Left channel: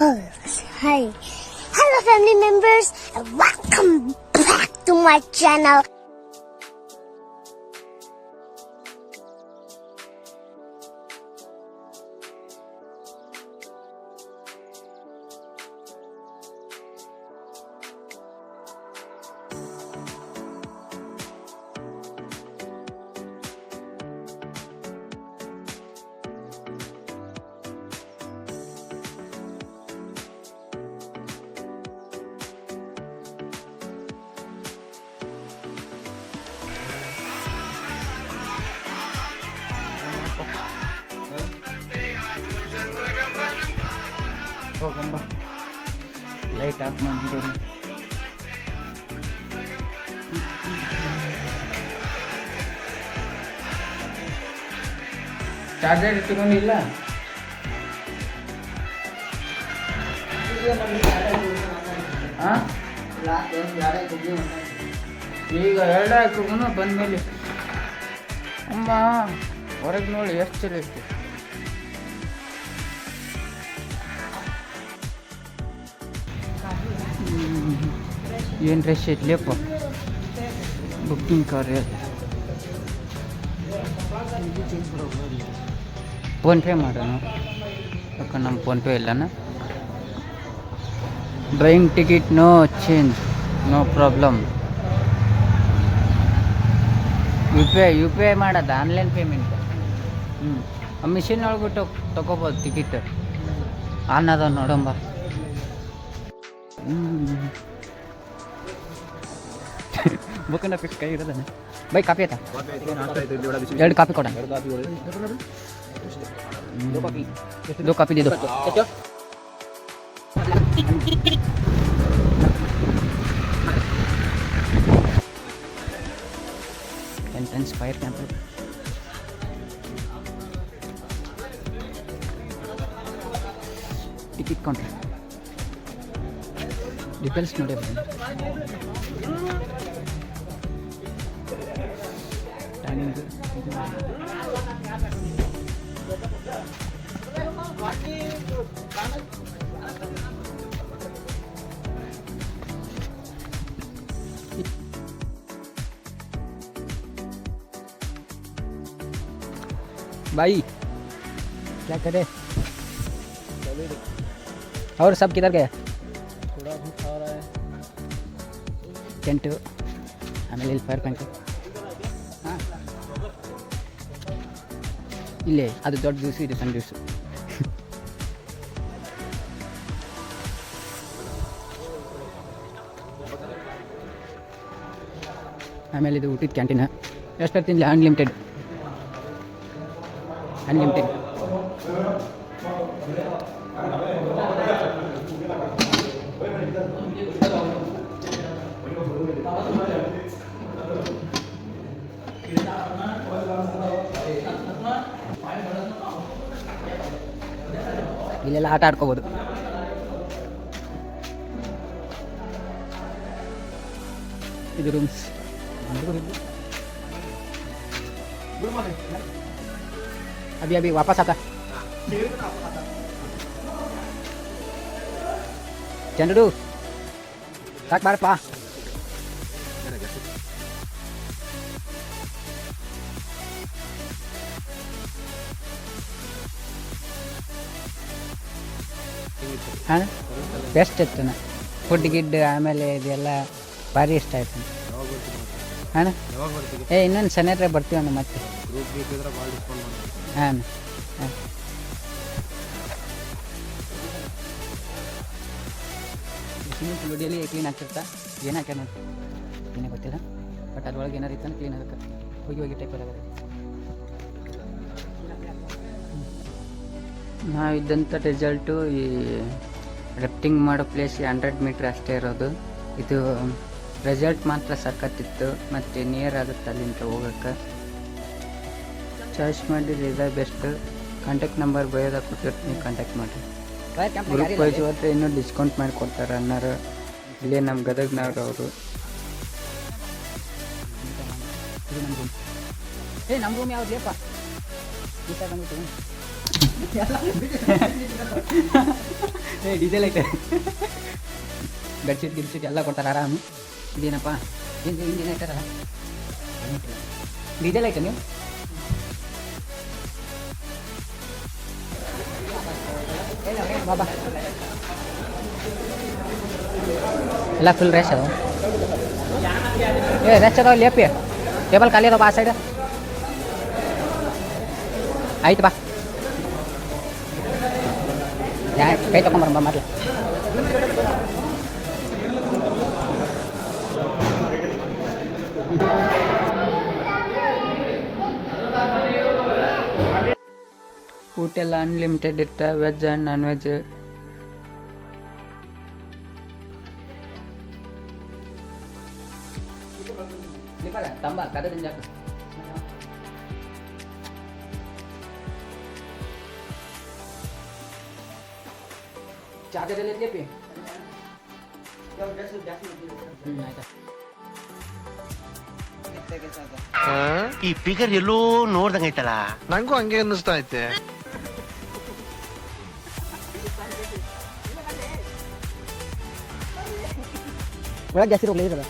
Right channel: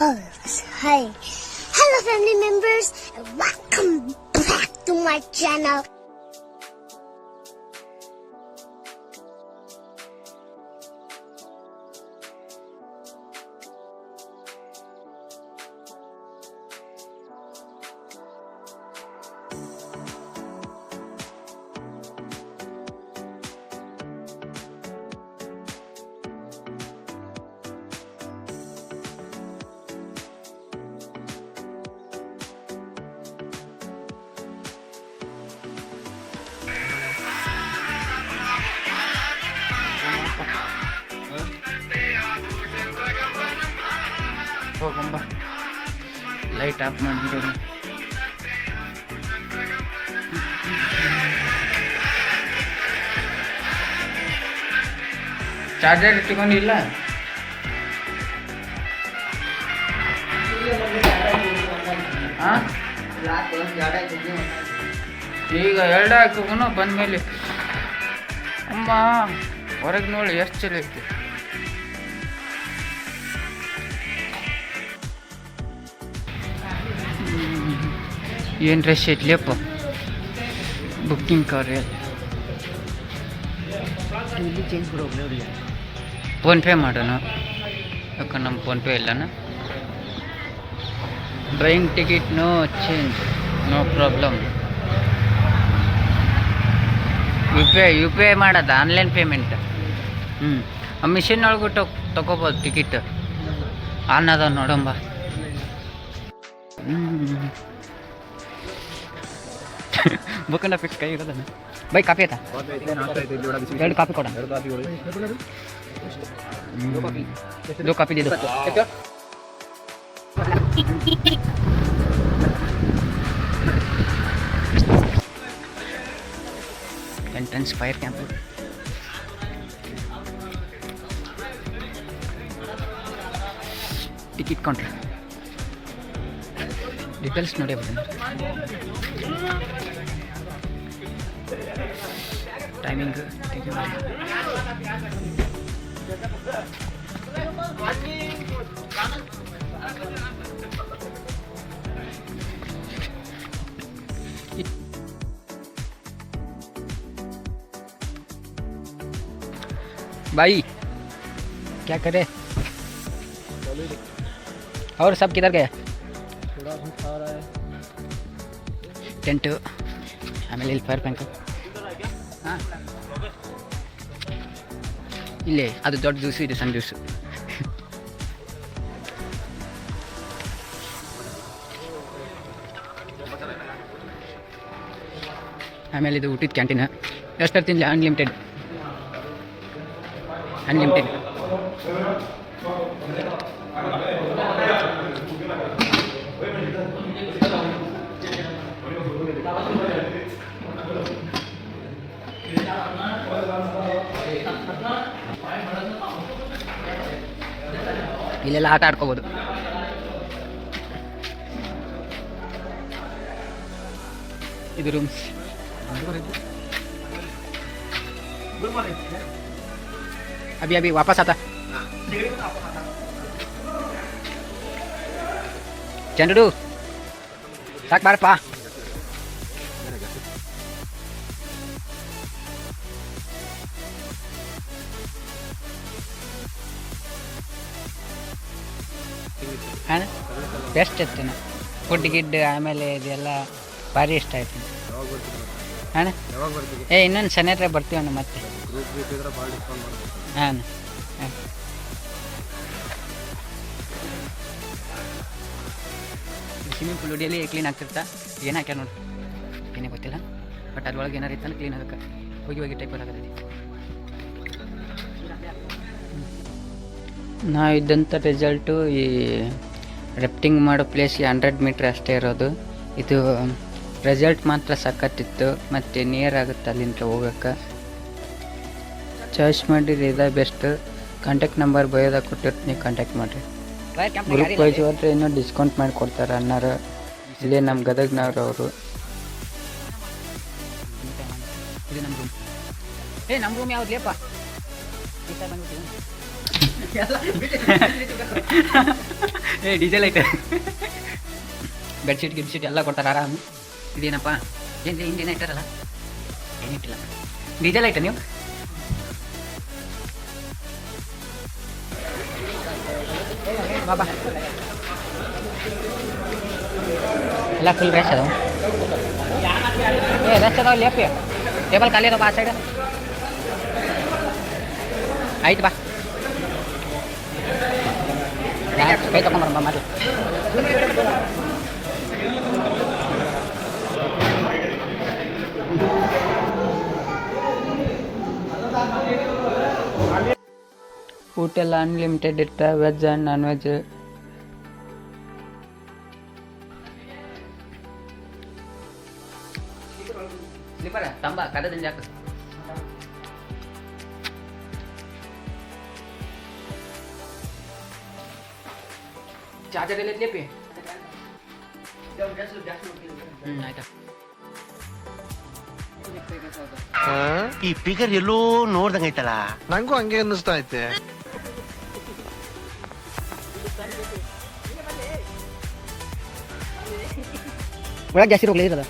Hi. Hello family members and welcome back to my channel. ಹೋಗಂಬ light off ಮಾಡಿಬಿಡೋಣ. Charger ಇಟ್ಕೊಂಡಿಲ್ಲ. ಈಗ ಎರಡು ಹಾಕೋನು ಬಂದ್ಮೇಲೆ ಅಮ್ಮ ಹೊರಗೆ ನೋಡಿ ಎಷ್ಟು ಚಲೋ ಐತಿ. ಏನು ರಶ್ ಐತ್ಲಿಯಪ್ಪ ಬುಕ್ಕಿಂಗ್ ಕಾರ್. ಫೋನ್ಪೇ ಮಾಡೋಣ, ಯಾಕಂದ್ರೆ ನಮ್ಮ ಫೋನ್ಪೇ ಇಲ್ಲನ. Driving ticket no change, no problem. U P I ಮಾಡೋದು ಆನ್ಲೈನ್ ಪೇಮೆಂಟ್. ಆ ಮಿಷಿನ್ ಒಳಗೆ ತೊಗೋಬೋದು ಟಿಕೆಟ್. ಆನ್ ಅದ ನೋಡಂಬ. ಬುಕ್ಕನ್ನ ಫಿಕ್ಸ್ ಕೈ ಇರೋದನ್ನ ಬೈ. ಕಾಪಿ ಆಯ್ತಾ? 2 ಕಾಪಿ ಕೊಡ. 2 ಕಾಪಿ दी दो. Entrance fire camp. Ticket counter details ನೋಡಿ ಬನ್ನಿ. ಟೈಮಿಂಗ್ भाई क्या करे? और सब किधर गए? थोड़ा धूप आ रहा है. टेंट ಆಮೇಲೆ ಇಲ್ಲಿ ಫೈರ್ ಬ್ಯಾಂಕ್. ಹಾಂ ಇಲ್ಲೇ ಅದು ದೊಡ್ಡ ಜ್ಯೂಸು, ಇದು ಸಣ್ಣ ಜ್ಯೂಸು. ಆಮೇಲೆ ಇದು ಊಟದ ಕ್ಯಾಂಟೀನ್. ಎಷ್ಟು ತಿನ್ನಲಿ? ಅನ್ಲಿಮಿಟೆಡ್. ಇಲ್ಲೆಲ್ಲ ಆಟ ಆಡ್ಕೋಬೋದು. ಇದು ರೂಮ್ಸ್. अभी वापस आता. चंदू साक बार पा. ಬೆಸ್ಟ್ ಇತ್ತು. ಫುಡ್ ಗಿಡ್ ಆಮೇಲೆ ಇದೆಲ್ಲ ಭಾರಿ ಇಷ್ಟ ಆಯ್ತು. ಹಾಂ ಇನ್ನೊಂದು ಸನೇತ್ರ ಬರ್ತೀವಣ್ಣ ಮತ್ತೆ. ಹಾಂ ಸ್ವಿಮ್ಮಿಂಗ್ ಪೂಲ್ ಹೊಡಿಯಲ್ಲಿ ಕ್ಲೀನ್ ಆಗ್ತಿರ್ತಾ. ಏನು ಹಾಕ್ಯಾರ ನೋಡಿ, ಏನೇ ಗೊತ್ತಿಲ್ಲ. ಬಟ್ ಅದ್ರೊಳಗೆ ಏನಾರು ಇತ್ತಾನೆ ಕ್ಲೀನ್ ಆಗಕ್ಕೆ ಹೋಗಿ ಟೈಪ್ ಬರಾಗತ್ತೆ. ನಾವು ಇದ್ದಂಥ ರಿಸಲ್ಟು ಈ ರೆಫ್ಟಿಂಗ್ ಮಾಡೋ ಪ್ಲೇಸ್ 100 ಮೀಟ್ರ್ ಅಷ್ಟೇ ಇರೋದು. ಇದು ರಿಸಲ್ಟ್ ಮಾತ್ರ ಸಖತ್ತಿತ್ತು. ಮತ್ತು ನಿಯರ್ ಆಗುತ್ತೆ ಅಲ್ಲಿಂದ ಹೋಗೋಕ್ಕೆ. ಚಾಯ್ಸ್ ಮಾಡಿರಿ, ಇದೇ ಬೆಸ್ಟ್. ಕಾಂಟ್ಯಾಕ್ಟ್ ನಂಬರ್ ಬಯೋದಾಗ ಕೊಟ್ಟಿರ್ತೀನಿ, ಕಾಂಟ್ಯಾಕ್ಟ್ ಮಾಡಿರಿ. ಗ್ರೂಪ್ ವೈಸ್ ಹೋದರೆ ಇನ್ನೂ ಡಿಸ್ಕೌಂಟ್ ಮಾಡಿ ಕೊಡ್ತಾರೆ ಅನ್ನಾರು. ಇಲ್ಲೇ ನಮ್ಮ ಗದಗ್ನವ್ರು ಅವರು. ಇದು ನಮ್ಮ ರೂಮ್. ನಮ್ಮ ರೂಮ್ ಯಾವ್ದು ಲೇಪ ಈ ಸೈಡ್ ಬಂದ್ಬಿಟ್ಟು ಏ ಡೀಸೆಲ್ ಐತೆ ಬೆಡ್ಶೀಟ್ ಗಿಡ್ಶೀಟ್ ಎಲ್ಲ ಕೊಡ್ತಾರೆ ಆರಾಮು. ಇದೇನಪ್ಪ ಇಂಡಿಯನ್ ಐತಾರಲ್ಲ ಏನಿಟ್ಟಿಲ್ಲ ಡೀಸೆಲ್ ಐತೆ ನೀವು ಬಾಬಾ ಎಲ್ಲ ಫುಲ್ ರೆಸ್ಟ್ ಅದಾವ. ರೆಸ್ಟ್ ಅದಾವ ಲೇಪಿ ಟೇಬಲ್ ಖಾಲಿ ಅದಾವ ಆ ಸೈಡ್ ಆಯ್ತು ಬಾ ಕೈ ತಗೊಂಬರ ಮಾಡಿ. ಊಟ ಎಲ್ಲ ಅನ್ಲಿಮಿಟೆಡ್ ಇರ್ತ ವೆಜ್ ಆ್ಯಂಡ್ ನಾನ್ ವೆಜ್. ತಂಬ ಕದದಿಂದ ಜಾಕ ಚಾರ್ಜರ್ ಎಲ್ಲ ಲೇಪಿ ಆಯ್ತಾ. ಈ ಫಿಗರ್ ಎಲ್ಲೋ ನೋಡ್ದಂಗೈತಲ್ಲ. ನಂಗೂ ಹಂಗೆ ಅನ್ನಿಸ್ತಾ ಐತೆ. ಒಳಗೆ ಜಾಸ್ತಿ ಹೋಗ್ಲಿ ಇರಲ್ಲ.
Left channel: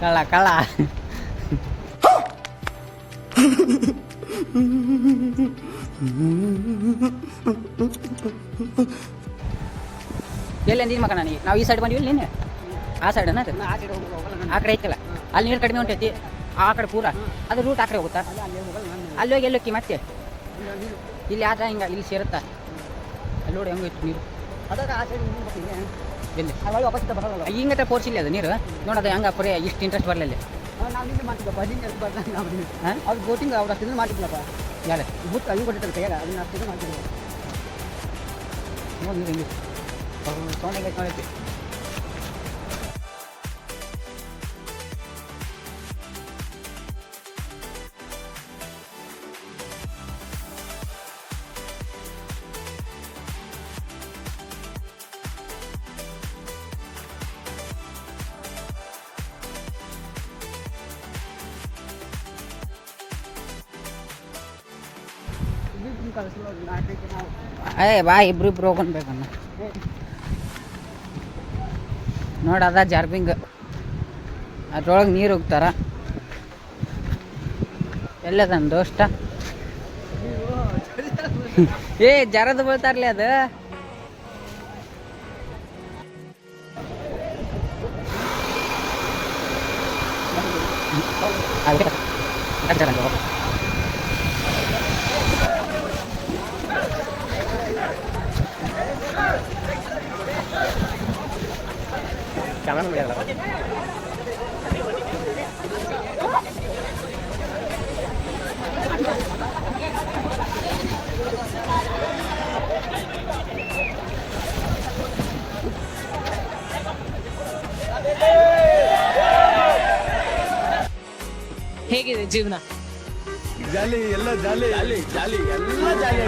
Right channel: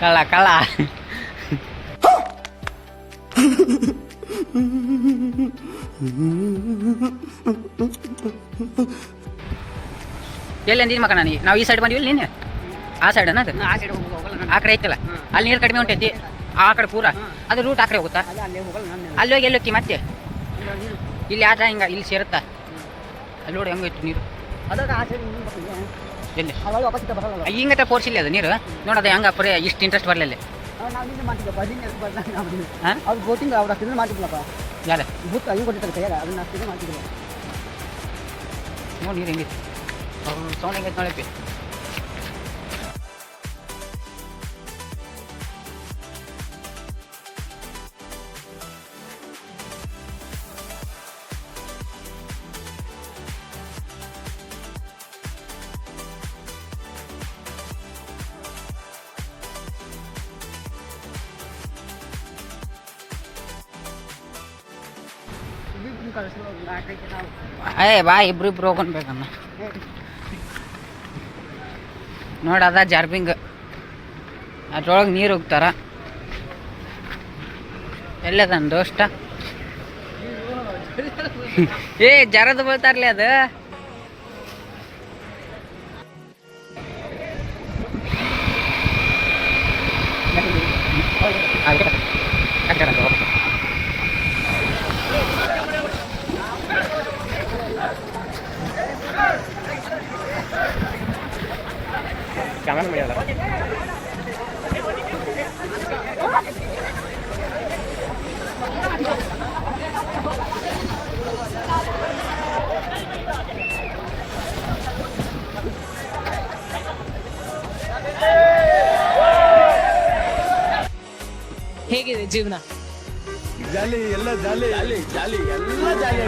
ಕಳ್ಳ ಕಳ್ಳ ಎಲ್ಲಿ ಅಂದಿದ್ದು ಮಕ್ಕ ನನಗೆ ನಾವು ಈ ಸೈಡ್ ಬಂದಿವಿ ನೀನು ಆ ಸೈಡ್ ಅನ್ನೋದು ಆ ಕಡೆ ಐತಲ್ಲ ಅಲ್ಲಿ ನೀರು ಕಡಿಮೆ ಉಂಟೈತಿ ಆ ಕಡೆ ಪೂರ ಅದು ರೂಟ್ ಆ ಕಡೆ ಹೋಗುತ್ತಾ ಅಲ್ಲಿ ಹೋಗಿ ಎಲ್ಲೋಕ್ಕಿ ಮತ್ತೆ ಇಲ್ಲಿ ಆಟ ಹಿಂಗೆ ಇಲ್ಲಿ ಸೇರುತ್ತಾ ಅಲ್ಲಿ ನೋಡಿ ಹೆಂಗೋಯ್ತು ನೀರು ಎಲ್ಲಿ ಹಿಂಗಟ ಫೋರ್ಸ್ ಇಲ್ಲ ಅದು ನೀರು ನೋಡೋದು ಹೆಂಗೆ ಪರೇ ಇಷ್ಟು ಇಂಟ್ರೆಸ್ಟ್ ಬರಲಿಲ್ಲ ಯಾರ ನೋಡಿ ನೀರು ಹೆಂಗಿತ್ತು ಸೌಂಡ್ ಹೆಂಗೈತೆ ನೋಡಪ್ಪಿ. ಬಾ ಇಬ್ರು ಹೋಗ್ಬೇಕನ್ನ ನೋಡಿ ಅದ ಜಾರ್ಬಿಂಗ್ ಅದ್ರೊಳಗೆ ನೀರು ಹೋಗ್ತಾರ. ಎಲ್ಲದನ್ ದೋಸ್ತ ಏ ಜರದ್ ಬೀಳ್ತಾರ್ಲಿ ಅದು ಹೇಗಿದೆ ಜೀವನ? ಜಾಲಿ ಎಲ್ಲ ಜಾಲಿ ಜಾಲಿ ಜಾಲಿ ಎಲ್ಲ ಜಾಲಿ.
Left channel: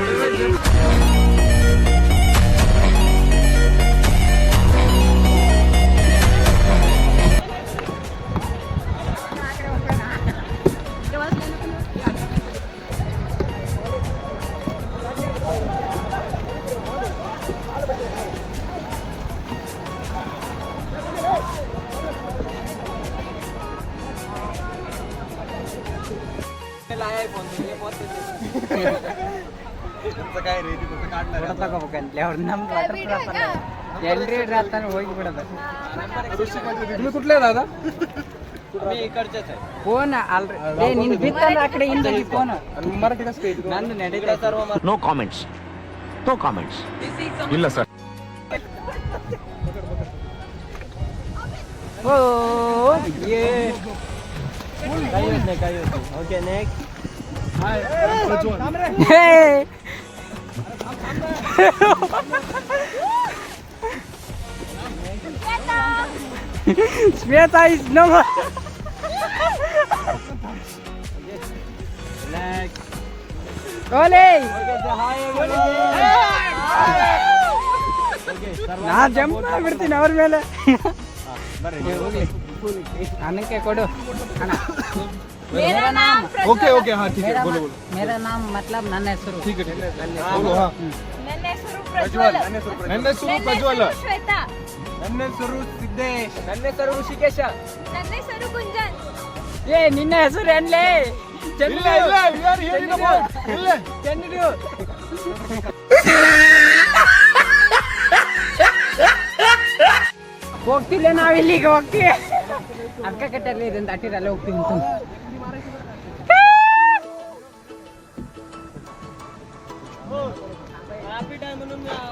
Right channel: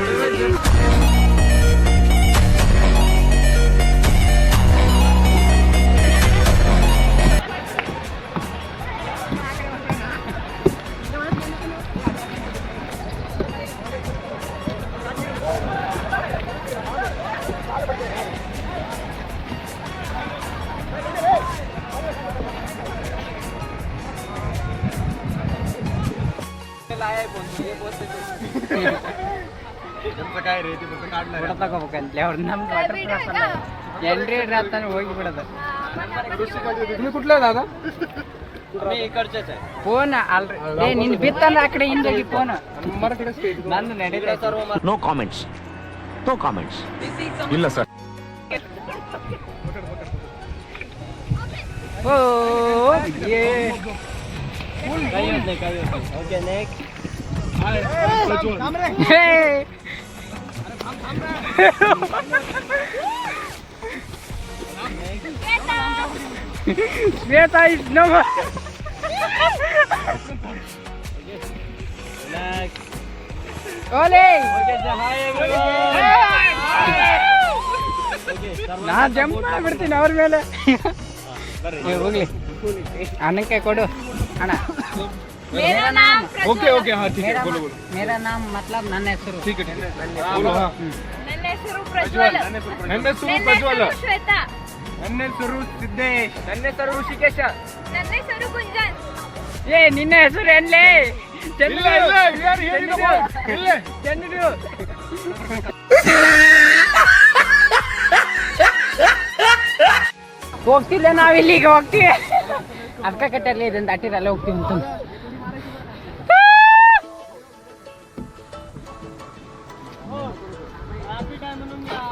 ಎಲ್ರಿ ಹೋಗಿ ಬಿಡೋದು. तुम्ही कुठले दादा? ಫೋನ್ ಅಲ್ರಿ ನಿನ್ ಬಿತ್ತಂದ್ರೆ ಆ ಕಡೆ ಹಿಂದೆ ಫೋನ್ ನಂದು ನಡೀತಾ. No comments no comments. ಇಲ್ಲ ಸರ್. ಓ ಏ okay next Sweta is no. Ole! ನಾ ಜಂಪ್ ಮಾಡ್ಬಿಡ್ತೀನಿ ಅವ್ರ ಮೇಲೆ. ಹೋಗ್ಲಿ ಅನ್ನಕ್ಕೆ ಕೊಡು ಅಣ್ಣ. मेरा नाम ओके ओके हाँ ठीक है बोलो बोलो मेरा नाम मतलब ನನ್ನ ಹೆಸರು. ठीक है बोलो हाँ ನನ್ನ ಹೆಸರು ಪ್ರಜ್ವಲ್. ನನ್ನ ಹೆಸರು ಪ್ರಜ್ವಲ್. ಶ್ವೇತಾ. ನನ್ನ ಹೆಸರು ಸಿದ್ದೇಶ್. ನನ್ನ ಹೆಸರು ಋಷಿಕೇಶ. ನನ್ನ ಹೆಸರು ಗುಂಜನ್. ಏ ನಿನ್ನ ಹೆಸರು ಎನ್ಲೇ? ಚಂದ್ರು ಹೋಗ್ತಿಲ್ಲ, ನಾವ್ ಇಲ್ಲಿಗೆ ಹೋಗ್ತೀವಿ. ಅಕ್ಕ ಕಟ್ಟಲ್ಲಿ ಇದನ್ನ ದಾಟಿರಲ್ಲ ಹೋಗ್ತೀವಿ ಅಂತ.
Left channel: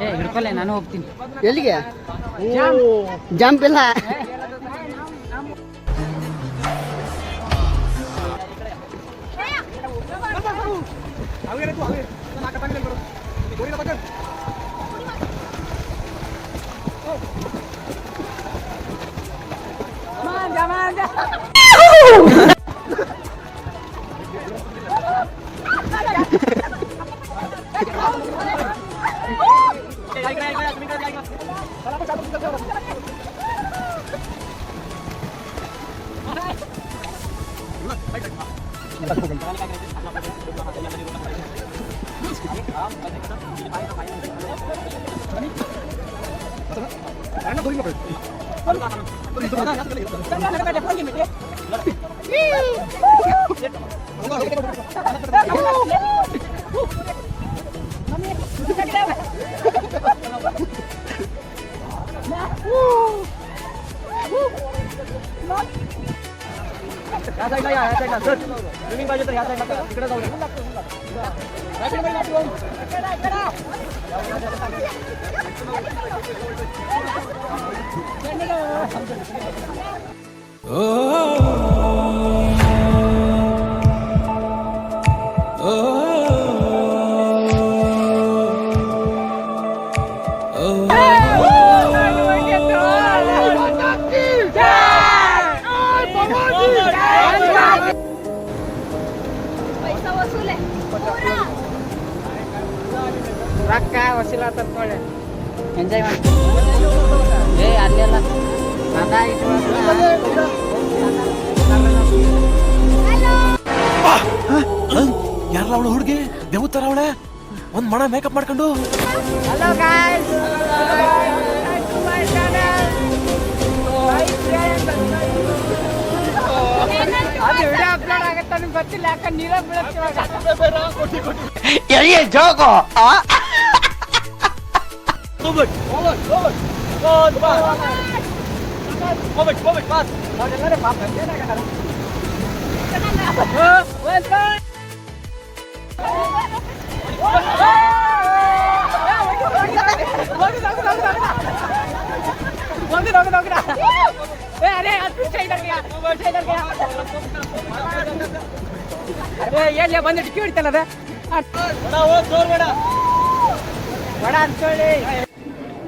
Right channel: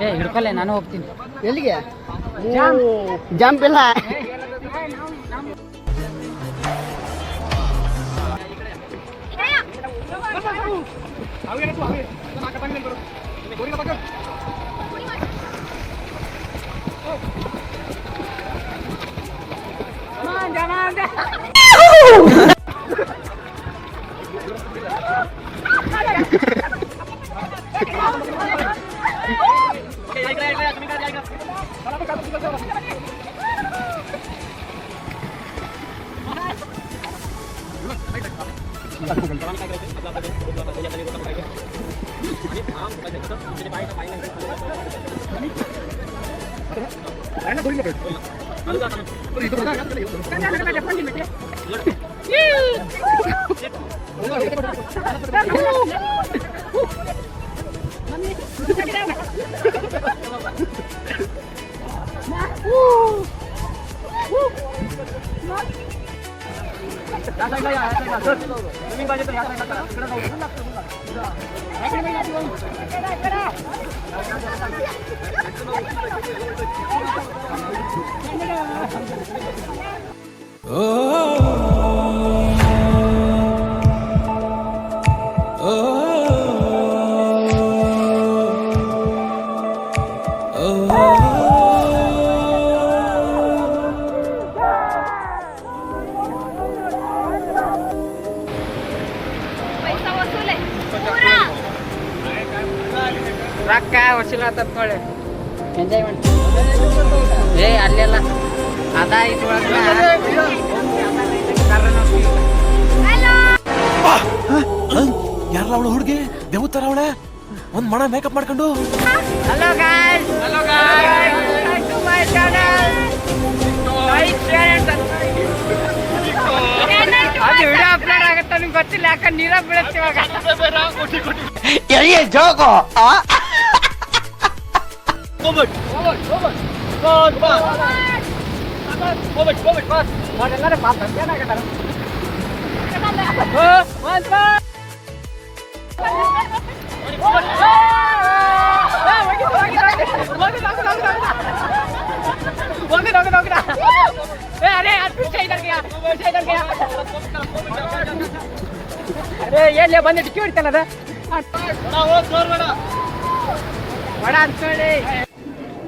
ಏ ಹಿಡ್ಕೊಲ್ಲ, ನಾನು ಹೋಗ್ತೀನಿ. ಎಲ್ಲಿಗೆ ಜಂಪ್ ಇಲ್ಲ. ರೊಕ್ಕ ವಸೂಲಾತ ನೋಡಿ ಎಂಜಾಯ್ ಮಾಡಿ. ಏ ಅಲ್ಲೆಲ್ಲ ಅದ ಇಟ್ಕೊಳಕ್ಕೆ ಯಾರಲ್ಲ ಅವಳು ಹುಡುಗಿ ದೇವತರ ಅವಳೆ ಒಂದ್ ಮಣ ಮೇಕಪ್ ಮಾಡ್ಕೊಂಡು. ಹಲೋ ಗಾಯ್ಸ್, ಅದು ವಿಡಿಯೋ ಅಪ್ಲೋಡ್ ಆಗತ್ತೆ ನಿಮ್ಗೆ ಗೊತ್ತಿಲ್ಲ, ಯಾಕಂದ್ರೆ ನೀರ ಬೀಳತ್ತೆ ಇವಾಗ. ಜೋಗೋ ಎಲ್ಲೇ ಬಂದಿಟ್ಟು ಕೇಳ್ತಲ್ಲ ಅದ ವಡ ಅನ್ಕೊಳ್ಳಿ.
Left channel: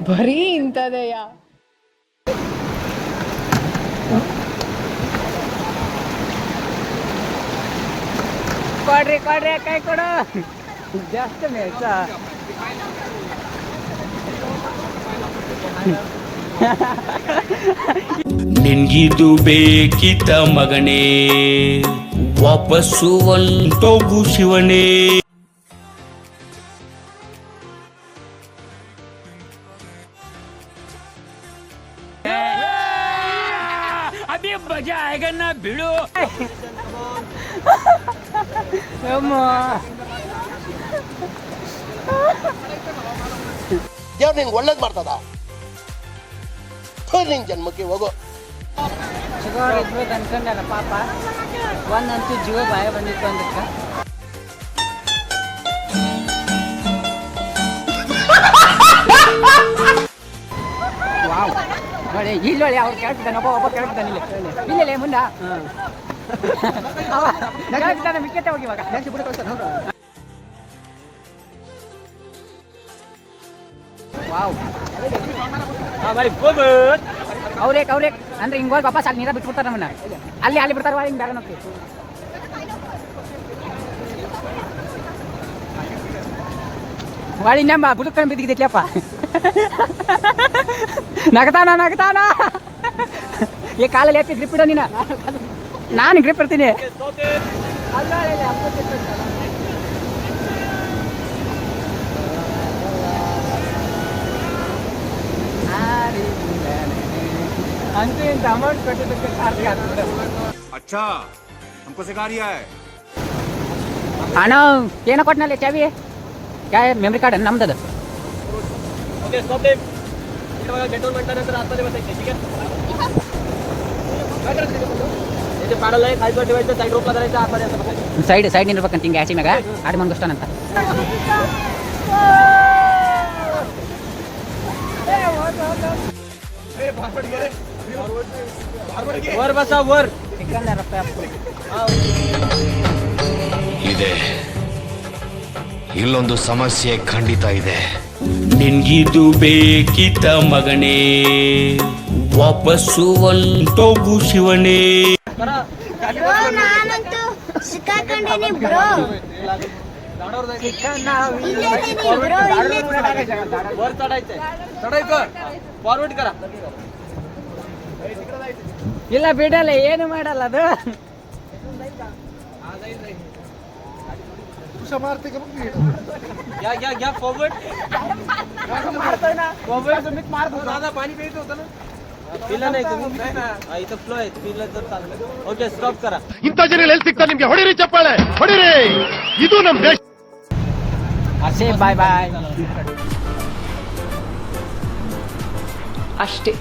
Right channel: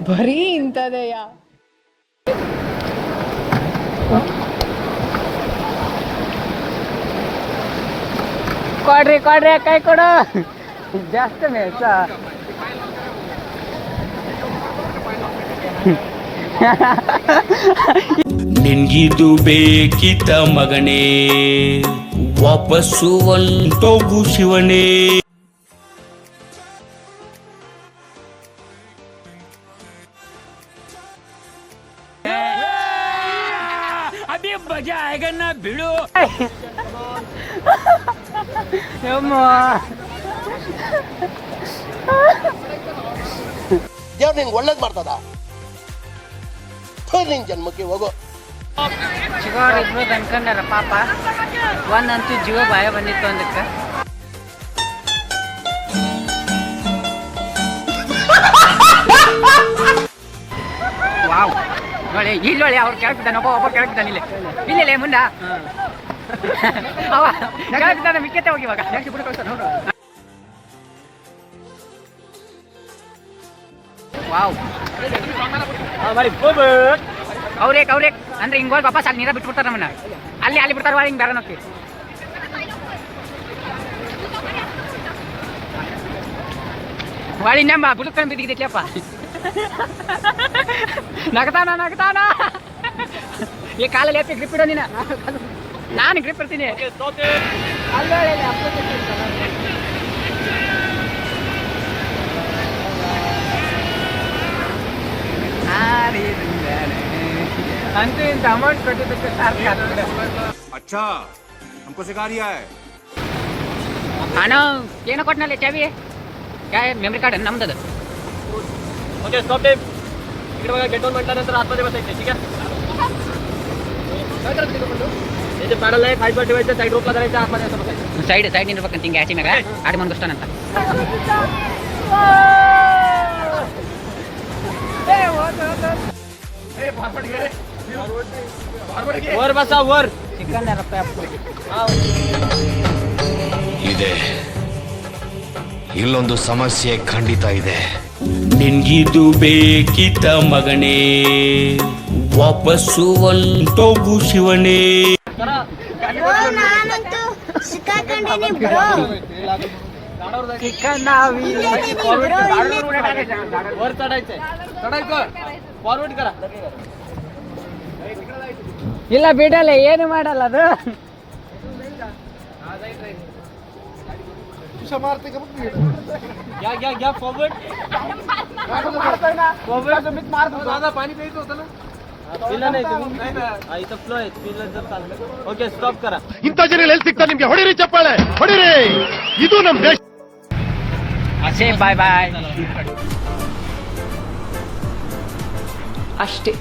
ಬರೀ ಇಂಥದೆಯ ಕೊಡ್ರಿ ಕೊಡ್ರಿ, ಕೈ ಕೊಡು. ಜಾಸ್ತಿ ಮೇಸ ನಿನ್ಗಿದು ಬೇಕಿತ ಮಗನೇ, ವಾಪಸ್ಸು ಒಂಟೋಗು ಶಿವನೇ. ಅದೇ ಬಜಾ ಆಗನ್ನ ಬಿಡು. ದೇವ್ರು ನಿಂಗೆ ಒಳ್ಳೇದ್ ಮಾಡ್ತದ. ನಿನ್ ಜನ್ಮಕ್ಕೆ ಹೋಗೋ. ಚಿಗೋರು ಇದ್ರು ಅನ್ಕೊಂಡಾರ ಪಾಪ. ಒಂದಂತೂ ಜೀವ ಭಯ ಬಂದಿತ್ತು ಅಂದಕ್ಕೆ. ವಾವ್ ನೋಡಿ, ಇಲ್ಲೊಳ್ಳೆ ಅವ್ರು ಕೆಳಗಿದ್ದಾನೆ, ಒಬ್ಬ ಕೆಳಗಿದ್ದಾನೆ. ಇಲ್ಲೇ ಮುಂದ ಮಿಕ್ಕತ್ತೆ ಹೋಗಿ ಇವಾಗ. ವಾವ್ ಅವ್ರೇ ಅಂದ್ರೆ ಹಿಂಗ್ ಹೋಗಿ ವಾಪಸ್ ಅಲ್ಲಿ ನೀರ ಬಿಟ್ಬಿಡ್ತಾರೆ ನಮ್ಮನ್ನ. ಅಲ್ಲಿ ಬಿಡ್ತಾರ ಹಿಂಗ್ ಬೇರೆ ನೋಡ್ತೀವಿ. ವಾಳಿ ನಮ್ಮ ಬುಡಕೊಂಡು ಬಿದ್ದಿದ್ದೈತ್ಲಪ್ಪ. ನಗತಾನ ಈ ಕಾಲಲ್ಲಿ ಎತ್ತಿ ಗ್ರಿಪ್ ಇಡೋ ನೀನು. ನಾನು ಗ್ರಿಪ್ ಇರ್ತೀನಿ. ಅಂತೂ ಇಂತ ಅಮೌಂಟ್ ಕೊಟ್ಟಿದ್ದಕ್ಕೆ ಸಾರ್ಥಕ ಆಗ್ತದೆ. ಅಚ್ಚಾ हमको सिखा रिया है ಅಣ್ಣ ಏನೋ ಕೊಟ್ಟನಲ್ಲ ಚಾವಿ ಮೆಮರಿ ಕಾರ್ಡ್ ನಮ್ದದು. ओके स्टॉप टाइम इकडे बघा गेट ऑन म्हटल्यानंतर आतमध्ये बसायचे ठीक आहे काय करायचं हे जे पाडाला आहे खायचं ठेवायचं साईड रोपला करायचं आतमध्ये असं बघा ಸೈಡ್ ನಿಲ್ಬೇಕಂತ ಹಿಂಗೆ ಆಚೆ ಮ್ಯಾಗ ಆಡಿ ಮಂದಿ ಬಸ್ತಾನಂತ. वर बसा वर ಇದೆ ಇಲ್ಲೊಂದು ಸಮಸ್ಯೆ ಖಂಡಿತ ಇದೆ. ನಿನ್ಗಿದು ಬೇಕಿತ ಮಗನೇ ವಾಪಸ್ಸು ಒಂಟೋಗು ಶಿವನೇ. ಬ್ರೋ ನಾನಂತೂ ಸಿಕ್ಕಾಕೊಂಡಿನಿ ಬ್ರೋ. ಇಲ್ಲೇ ಬ್ರೋ ಇಲ್ಲೇ. वर चढायचं फॉरवर्ड करा ಇಲ್ಲ ಬಿಡಲ್ಲ, ಏನು ಮಾಡಲ್ಲ ಅದು. घ्या फॉरवर्ड दादा पाणी प्यायचं होतं ना पिलं नाही तुम्ही इथं फ्लो आहे पिलं जर चाललं ओके स्टॉप करा ಇಂಥ ಜನ ಎಲ್ಲಿ ಸಿಗ್ತಾರೆ ನಿಮ್ಗೆ? ಹೊಡಿರಿ ಚಪ್ಪಾಳೆ ಹೊಡಿರಿ, ಇದು ನಮ್ ದೇಶ. ಅಷ್ಟೇ, ಬಾಯ್ ಅಷ್ಟೇ.